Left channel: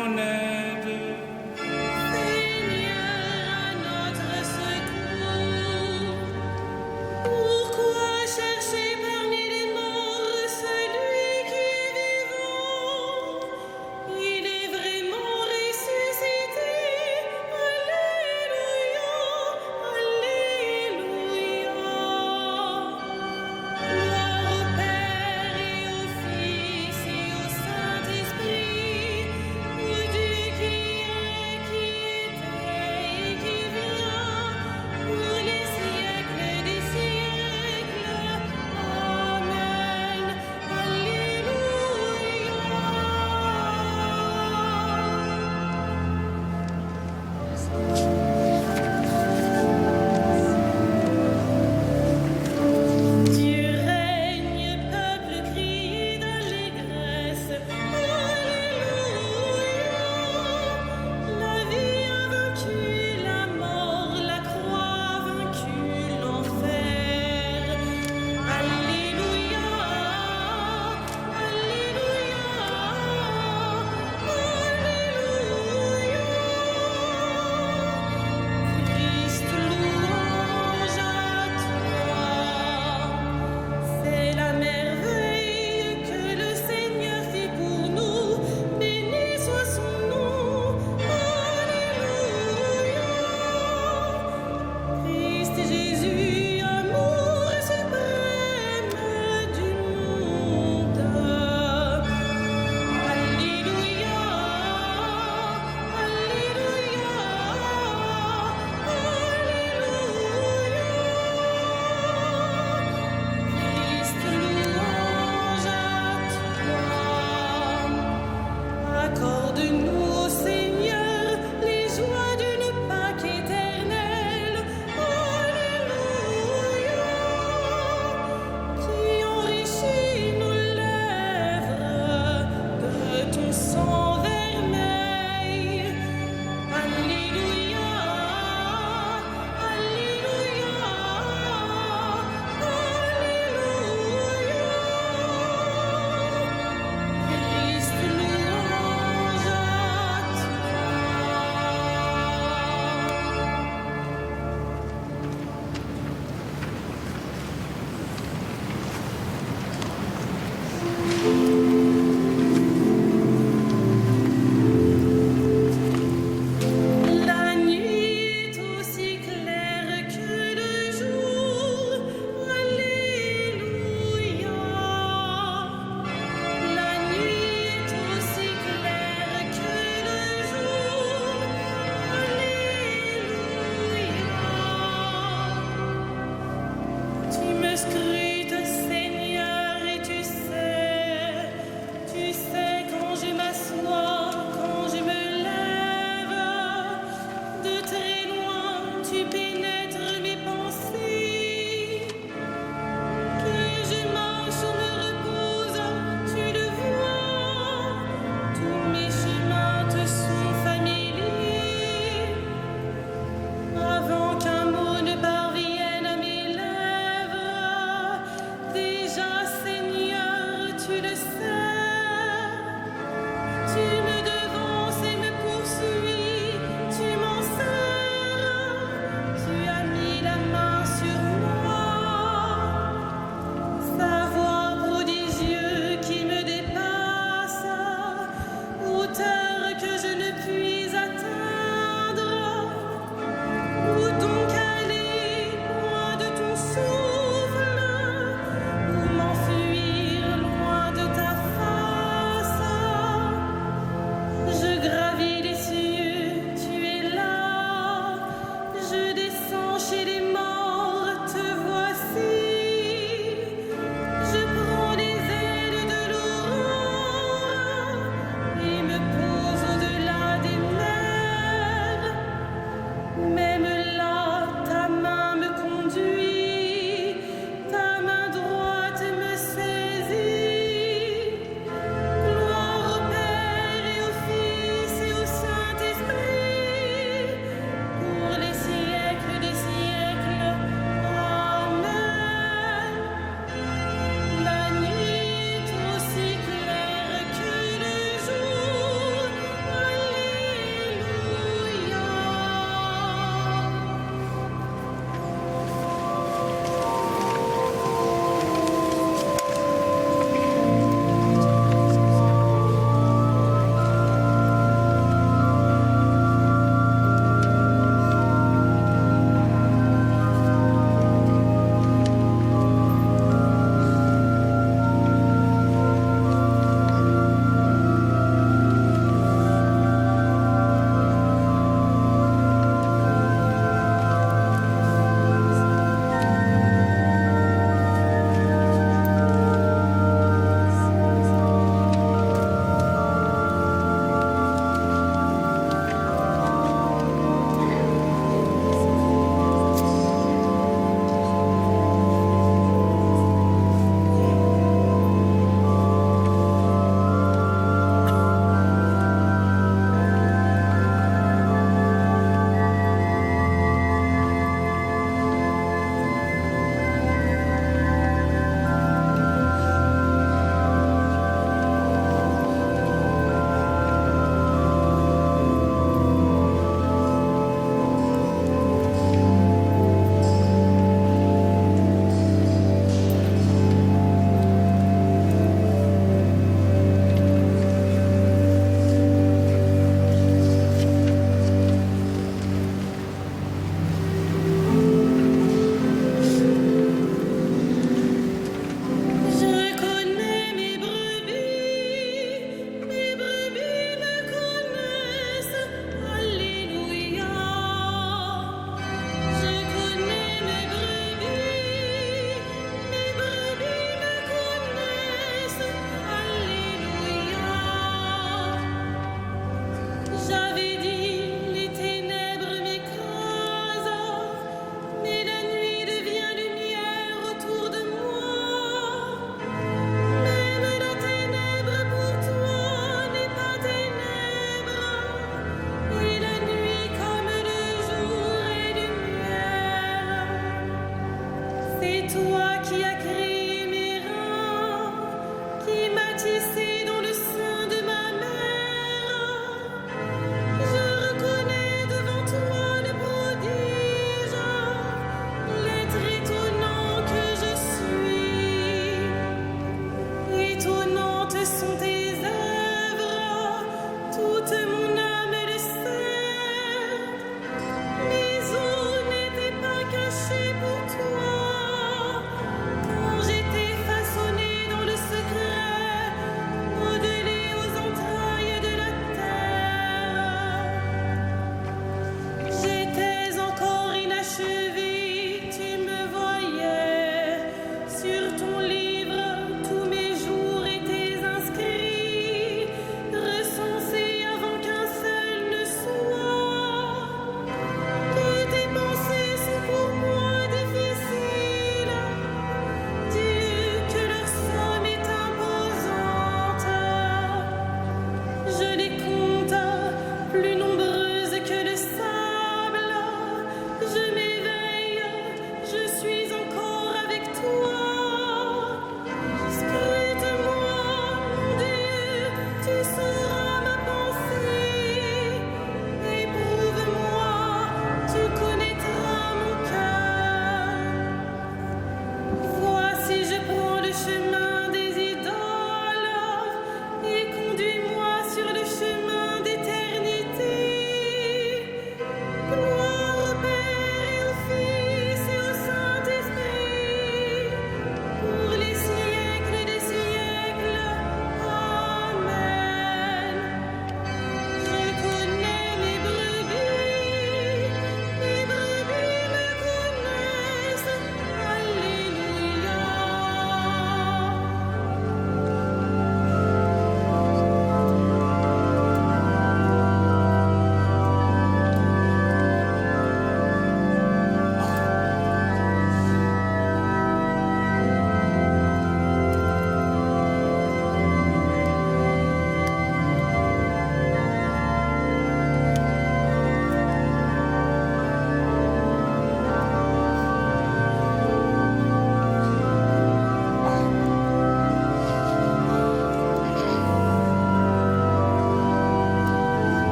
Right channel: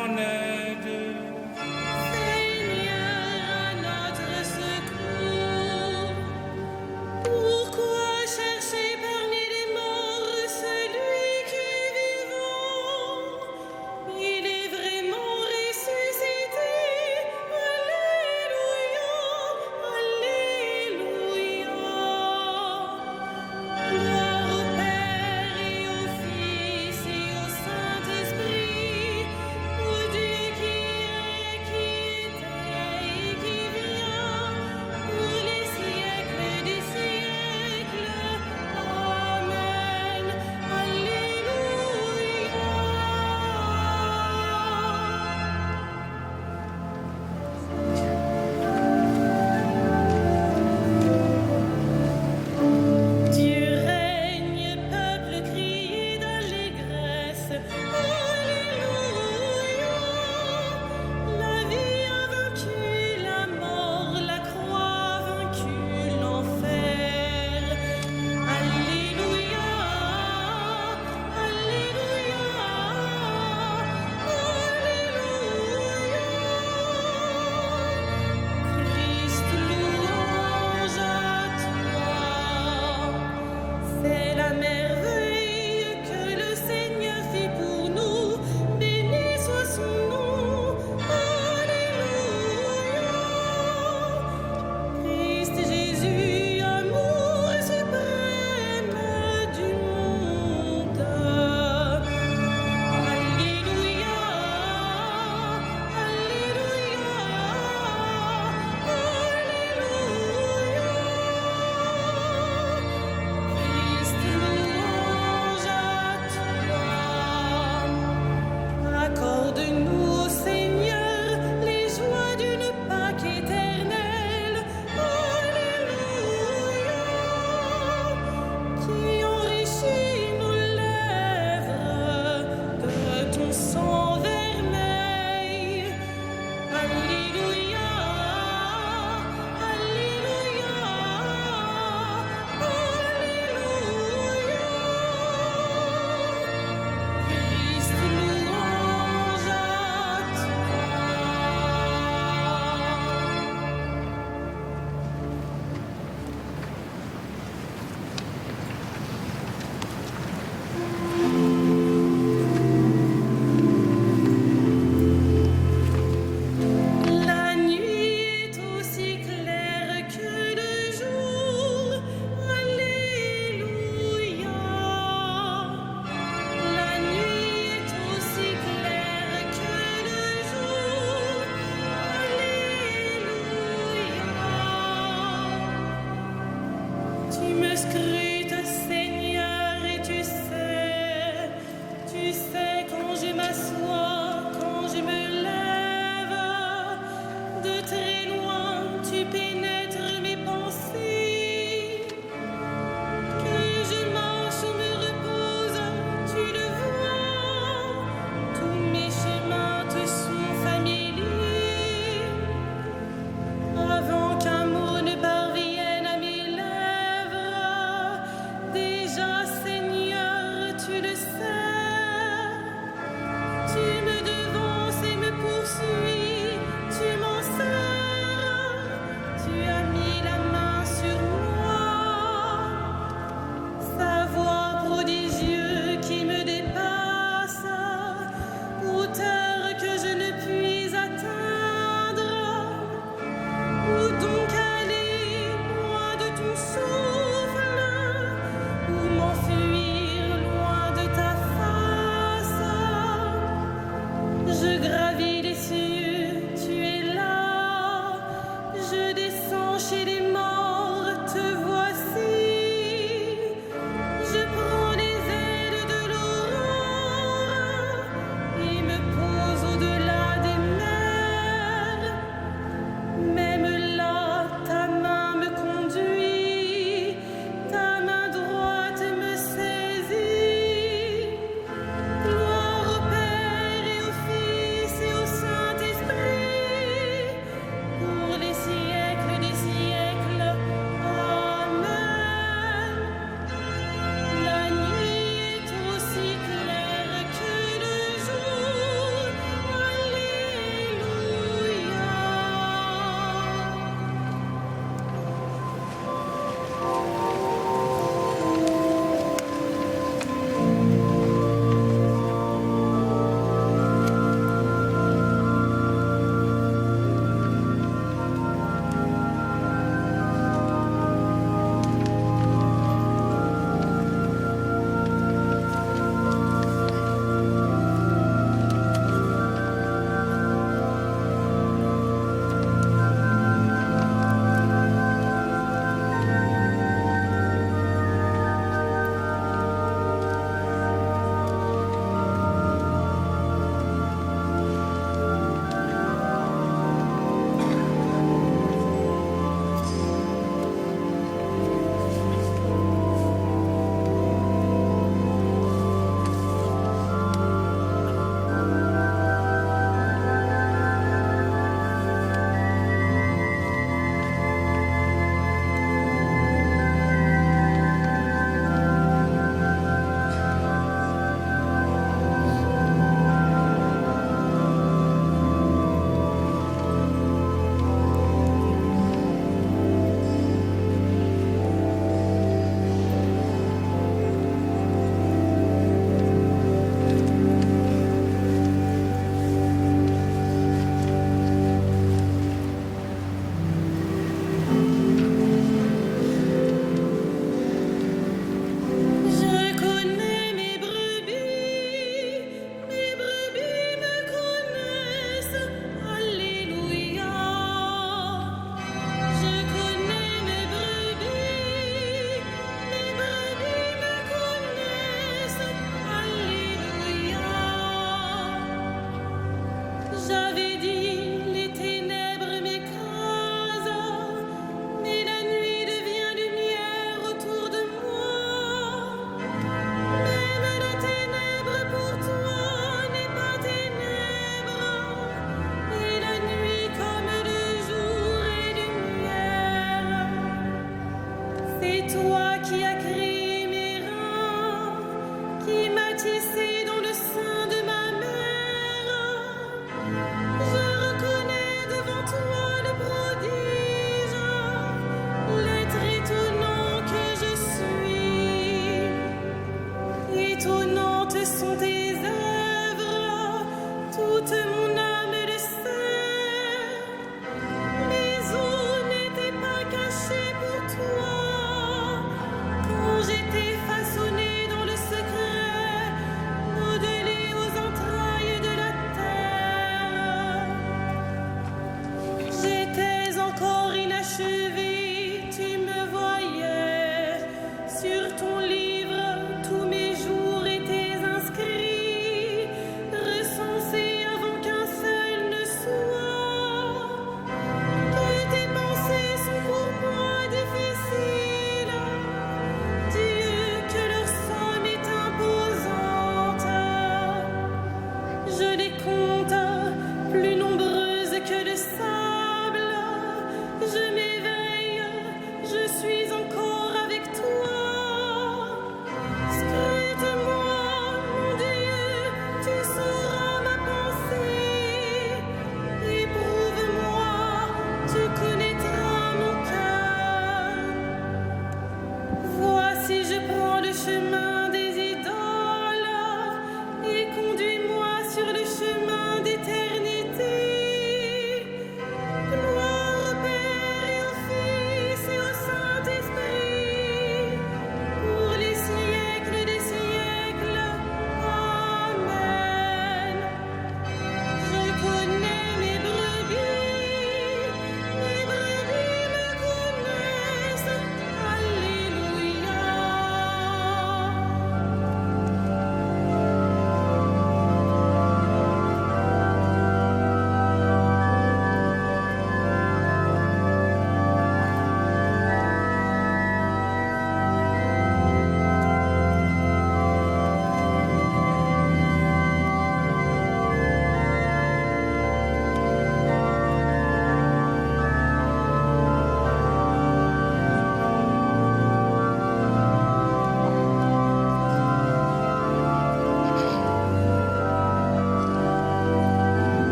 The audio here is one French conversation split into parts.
mon aide. Seigneur, à notre secours. Pourquoi chercher parmi les morts celui qui est vivant? Il est vraiment ressuscité. Alléluia, Alléluia. Gloire au Père et au Fils et au Saint-Esprit, au Dieu qui est toi qui as créé mes reins, qui m'as tissé dans le sein de ma mère, je reconnais devant toi le prodige, l'être étonnant que je suis. Étonnantes sont tes œuvres, toute mon âme le sait. Mes os n'étaient pas cachés pour toi, quand j'étais façonnée dans le secret, modelée aux entrailles de la terre. J'étais encore inachevée, tu me voyais. Sur ton livre, tous mes jours étaient inscrits, recensés avant qu'un seul ne soit. Que tes pensées sont pour moi difficiles, Dieu, que leur somme est imposante. Je les compte, plus nombreuses que le sable. Je m'éveille, je suis encore avec toi. Scrute-moi, mon Dieu, tu sauras ma pensée. Éprouve-moi, tu connaîtras mon cœur. Voici, je prends le chemin des idoles et conduis-moi sur le chemin d'éternité. Gloire au Père et au Fils et au Saint-Esprit, pour les siècles des siècles. Amen. Je connais mes brebis me connaissent. Alléluia.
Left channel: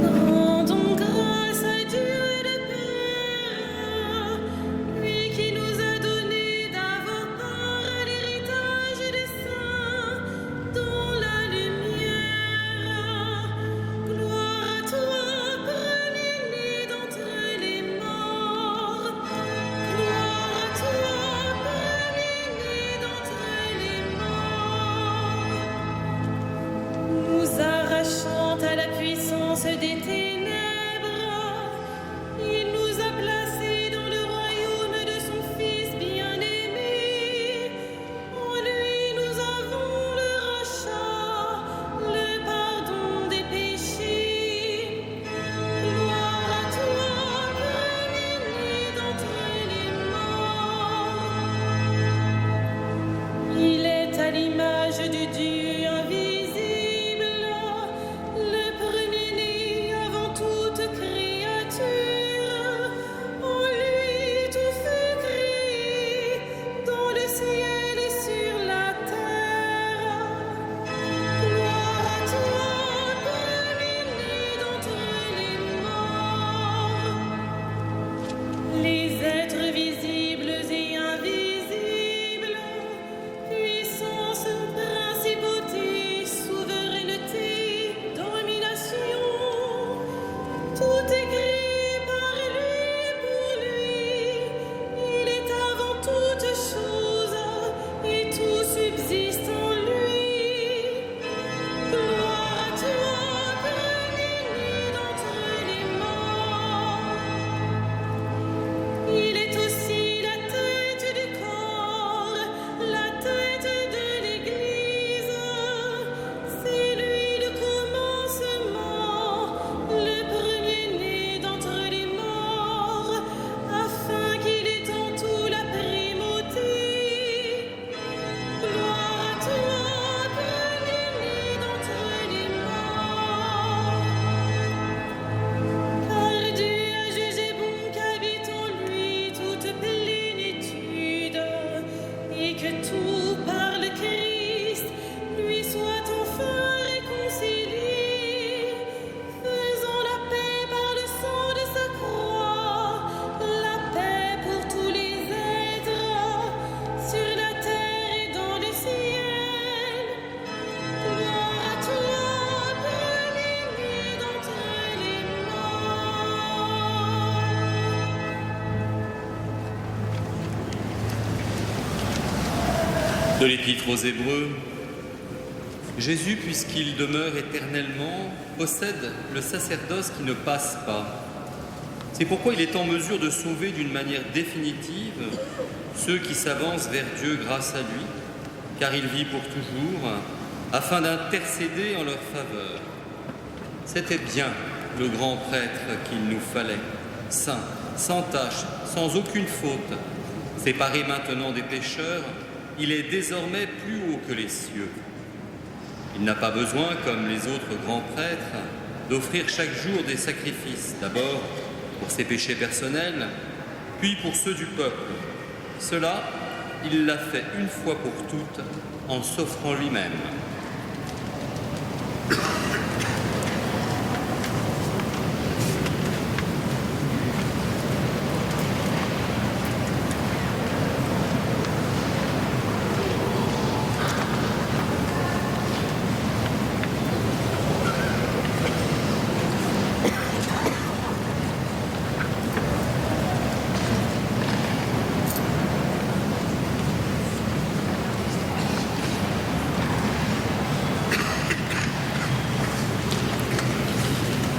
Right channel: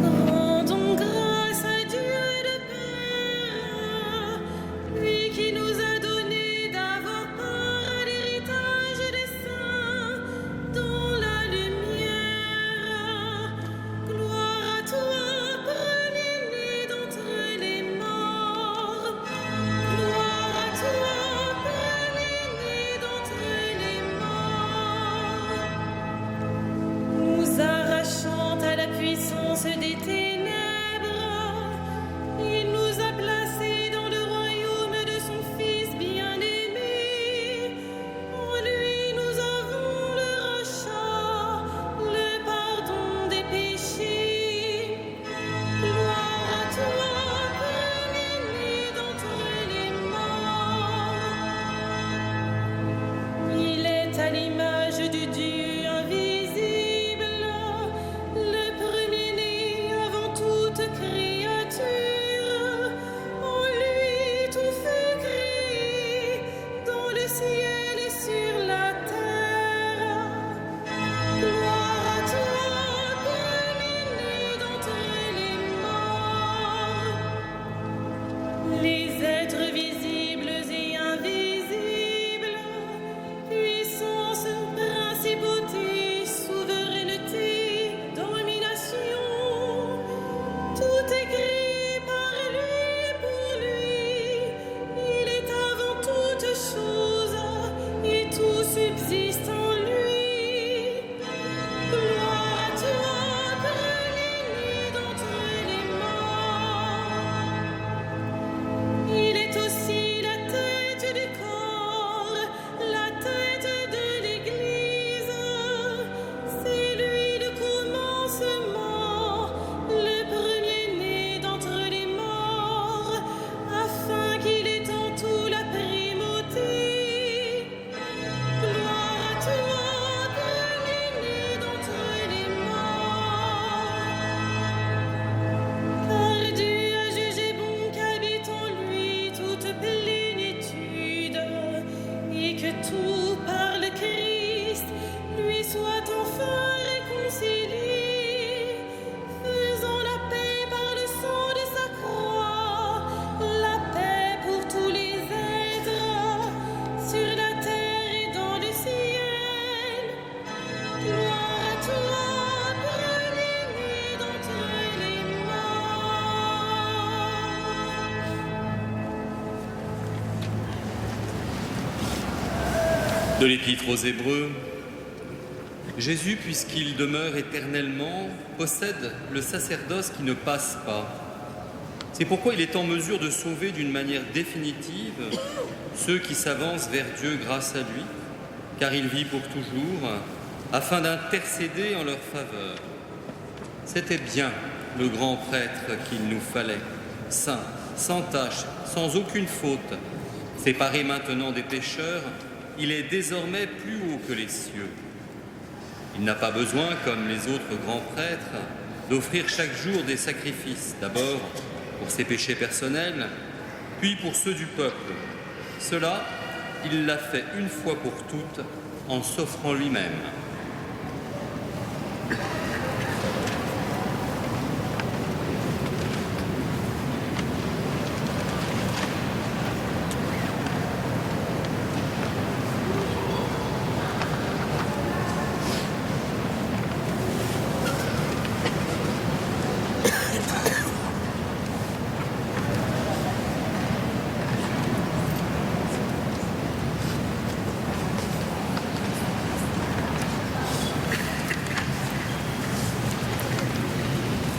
Rendons grâce à Dieu le Père, lui qui nous a donné d'avoir part à l'héritage des saints dans la lumière. Gloire à toi, premier-né d'entre les morts. Gloire à toi, premier-né d'entre les morts. Nous arrachant à la puissance des ténèbres, il nous a placés dans le royaume de son Fils bien-aimé. En lui nous avons le rachat, le pardon des péchés. Gloire à toi, premier-né d'entre les morts. Il est à l'image du Dieu invisible, le premier-né avant toute créature. En lui tout fut créé, dans le ciel et sur la terre. Gloire à toi, premier-né d'entre les morts. Les êtres visibles et invisibles, puissance, principauté, souveraineté, domination, tout est créé par lui et pour lui. Il est avant toute chose et tout subsiste en De l'Épître aux Hébreux, Jésus, puisqu'il demeure éternellement, possède le sacerdoce qui ne passe pas. C'est pourquoi il est en mesure de sauver d'une manière définitive ceux qui s'avancent vers Dieu grâce à lui, car il vit pour toujours, afin d'intercéder en leur faveur. C'était bien le grand prêtre qu'il nous fallait, saint, sans tache, sans aucune faute, séparé maintenant des pécheurs. Il est désormais plus haut que les cieux. Il n'a pas besoin, comme les autres grands prêtres, d'offrir chaque jour des sacrifices, d'abord pour ses péchés personnels, puis pour ceux du peuple. Cela, il l'a fait une fois pour toutes en s'offrant lui-même.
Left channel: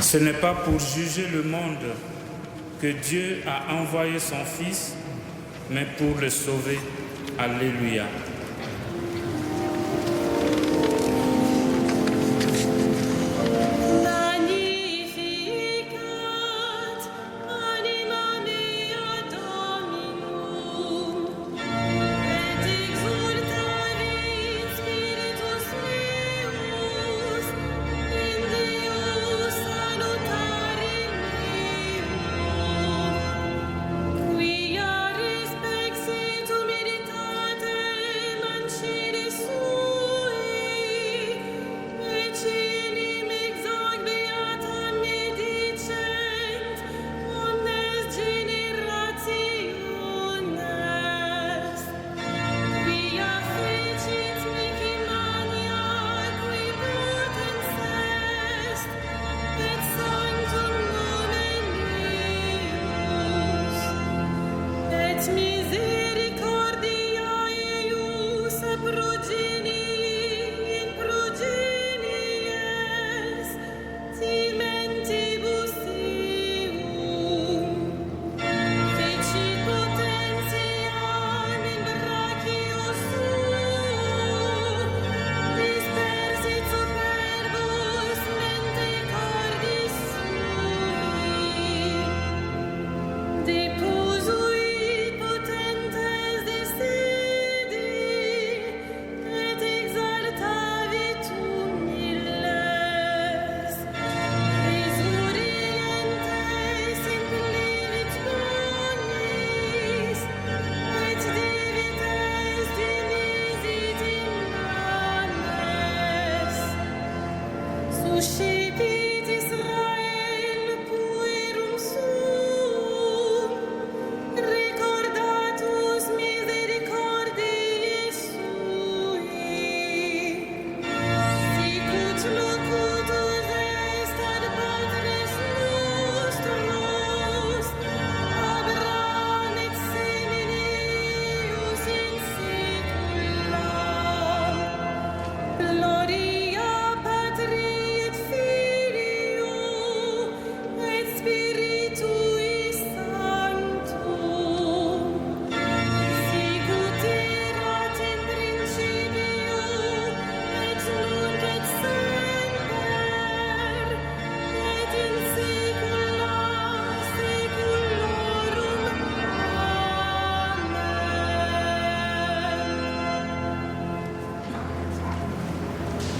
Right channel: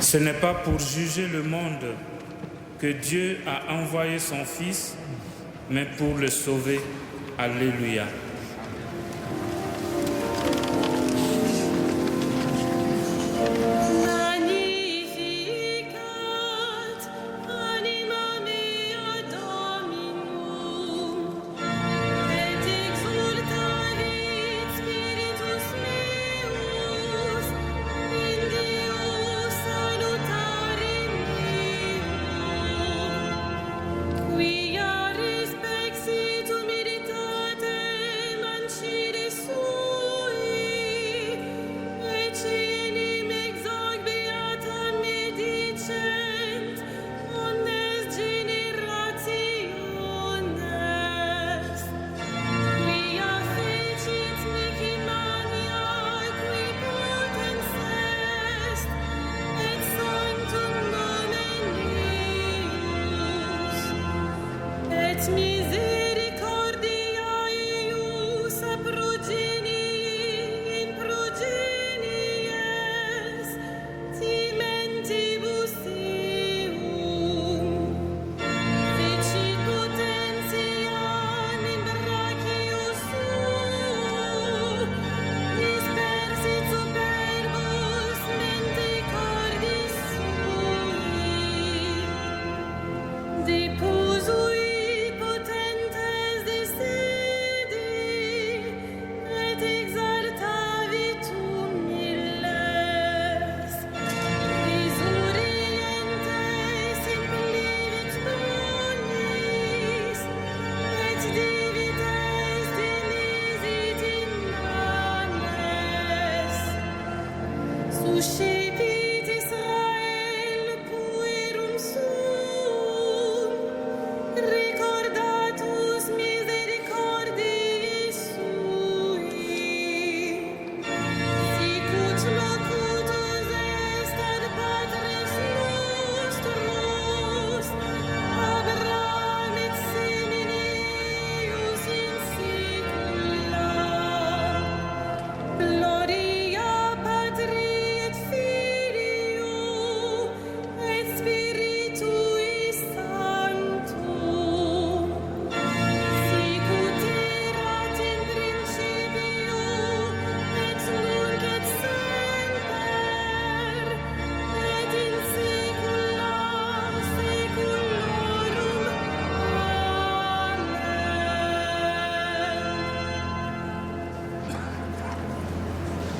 Ce n'est pas pour juger le monde que Dieu a envoyé son Fils, mais pour le sauver. Alléluia.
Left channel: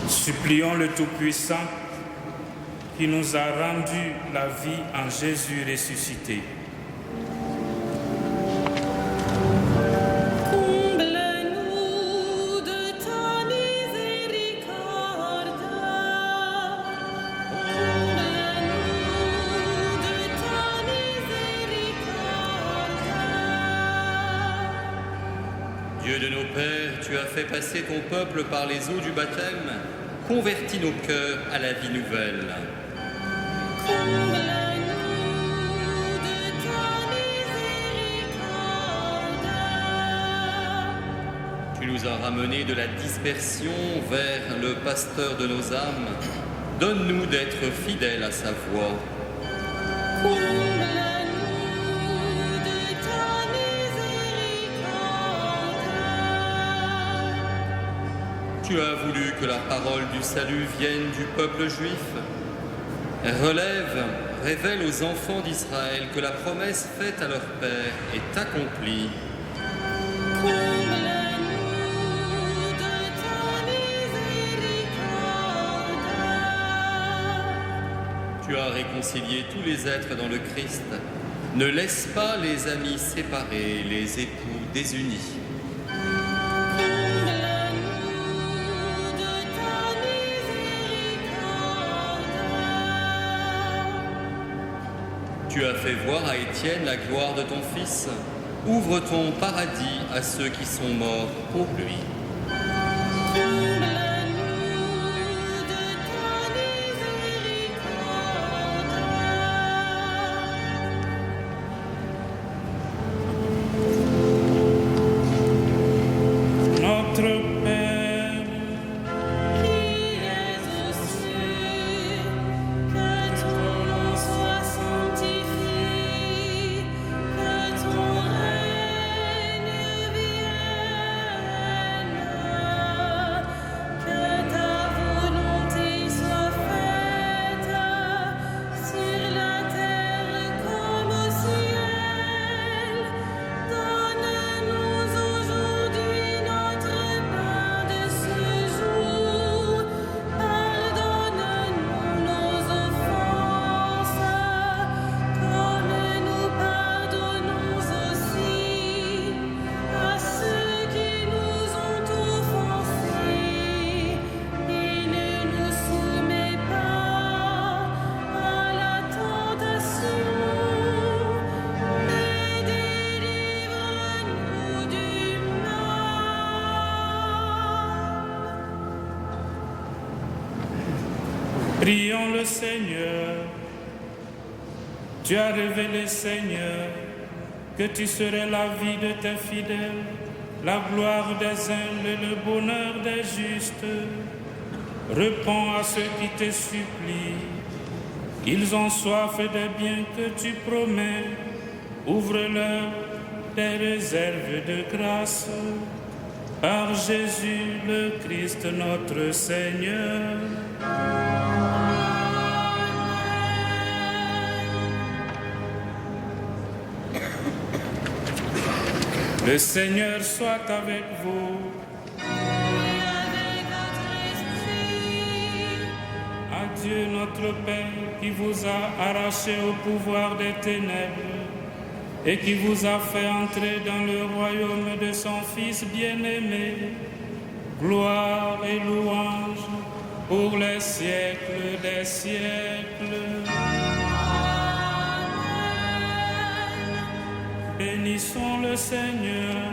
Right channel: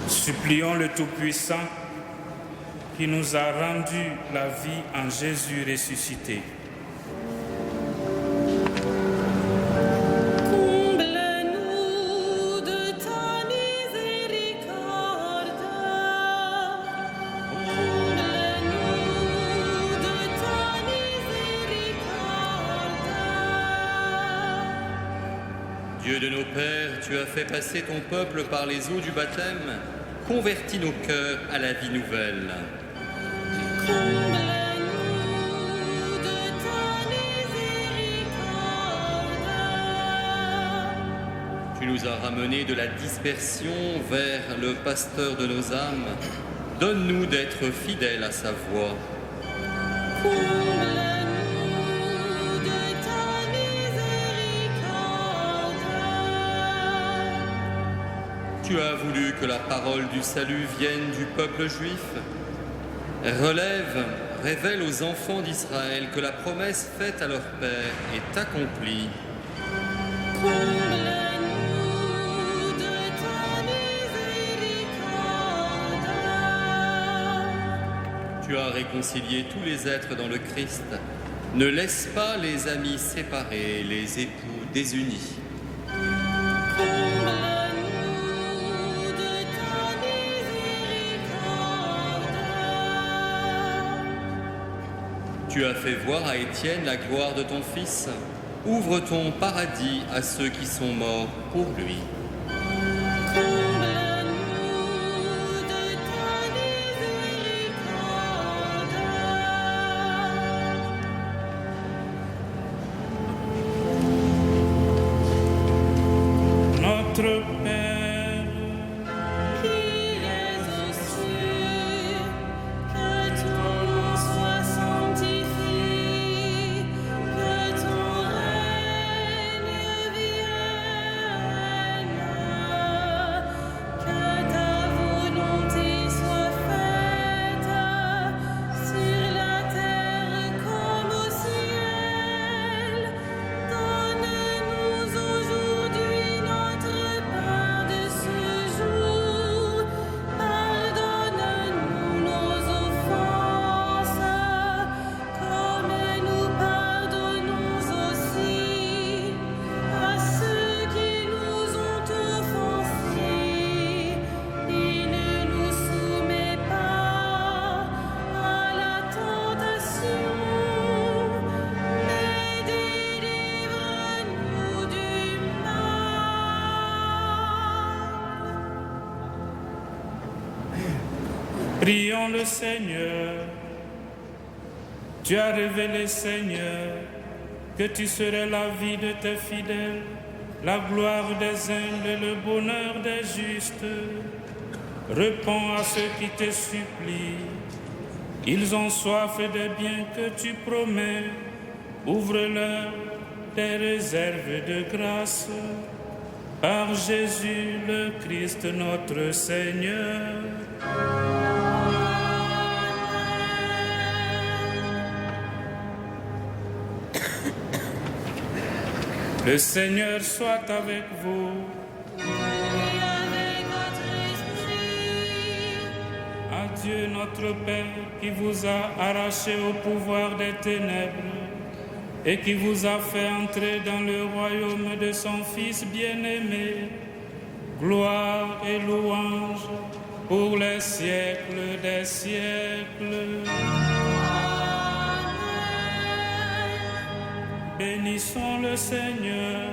Supplions le Tout-Puissant qui nous a rendu la vie en Jésus ressuscité. Comble-nous de ta miséricorde. Comble-nous de ta miséricorde. Dieu de nos pères, tu as fait passer ton peuple par les eaux du baptême. Convertis nos cœurs à la vie nouvelle. Comble-nous de ta miséricorde. Tu Tu nous as ramenés de la dispersion vers le pasteur de nos âmes. Donne-nous d'être fidèles à sa voix. Comble-nous de ta miséricorde. Tu as voulu que la parole du salut vienne du peuple juif. Révèle aux enfants d'Israël que la promesse faite à leur père est accomplie. Comble-nous de ta miséricorde. Tu as réconcilié tous les êtres dans le Christ. Ne laisse pas les amis séparés, les époux désunis. Comble-nous de ta miséricorde. Tu as fait voir à Étienne la gloire de ton Fils. Ouvre ton paradis à ceux qui sont morts pour lui. Comble-nous de ta miséricorde. Notre Père, Qui es aux cieux, que ton nom soit sanctifié, que ton règne vienne, que ta volonté soit faite sur la terre comme au ciel. Donne-nous aujourd'hui notre pain de ce jour. Pardonne-nous nos offenses, comme nous pardonnons aussi à ceux qui nous ont offensés. Et ne nous soumets pas à la tentation, mais délivre-nous du mal. prions le Seigneur. Tu as révélé, Seigneur, que tu serais la vie de tes fidèles, la gloire des humbles et le bonheur des justes. Réponds à ceux qui te supplient. Ils ont soif des biens que tu promets. Ouvre-leur des réserves de grâce. Par Jésus le Christ notre Seigneur. Le Seigneur soit avec vous. Et avec votre esprit, À Dieu notre Père qui vous a arraché au pouvoir des ténèbres et qui vous a fait entrer dans le royaume de son Fils bien-aimé, gloire et louange pour les siècles des siècles. Amen. Bénissons le Seigneur.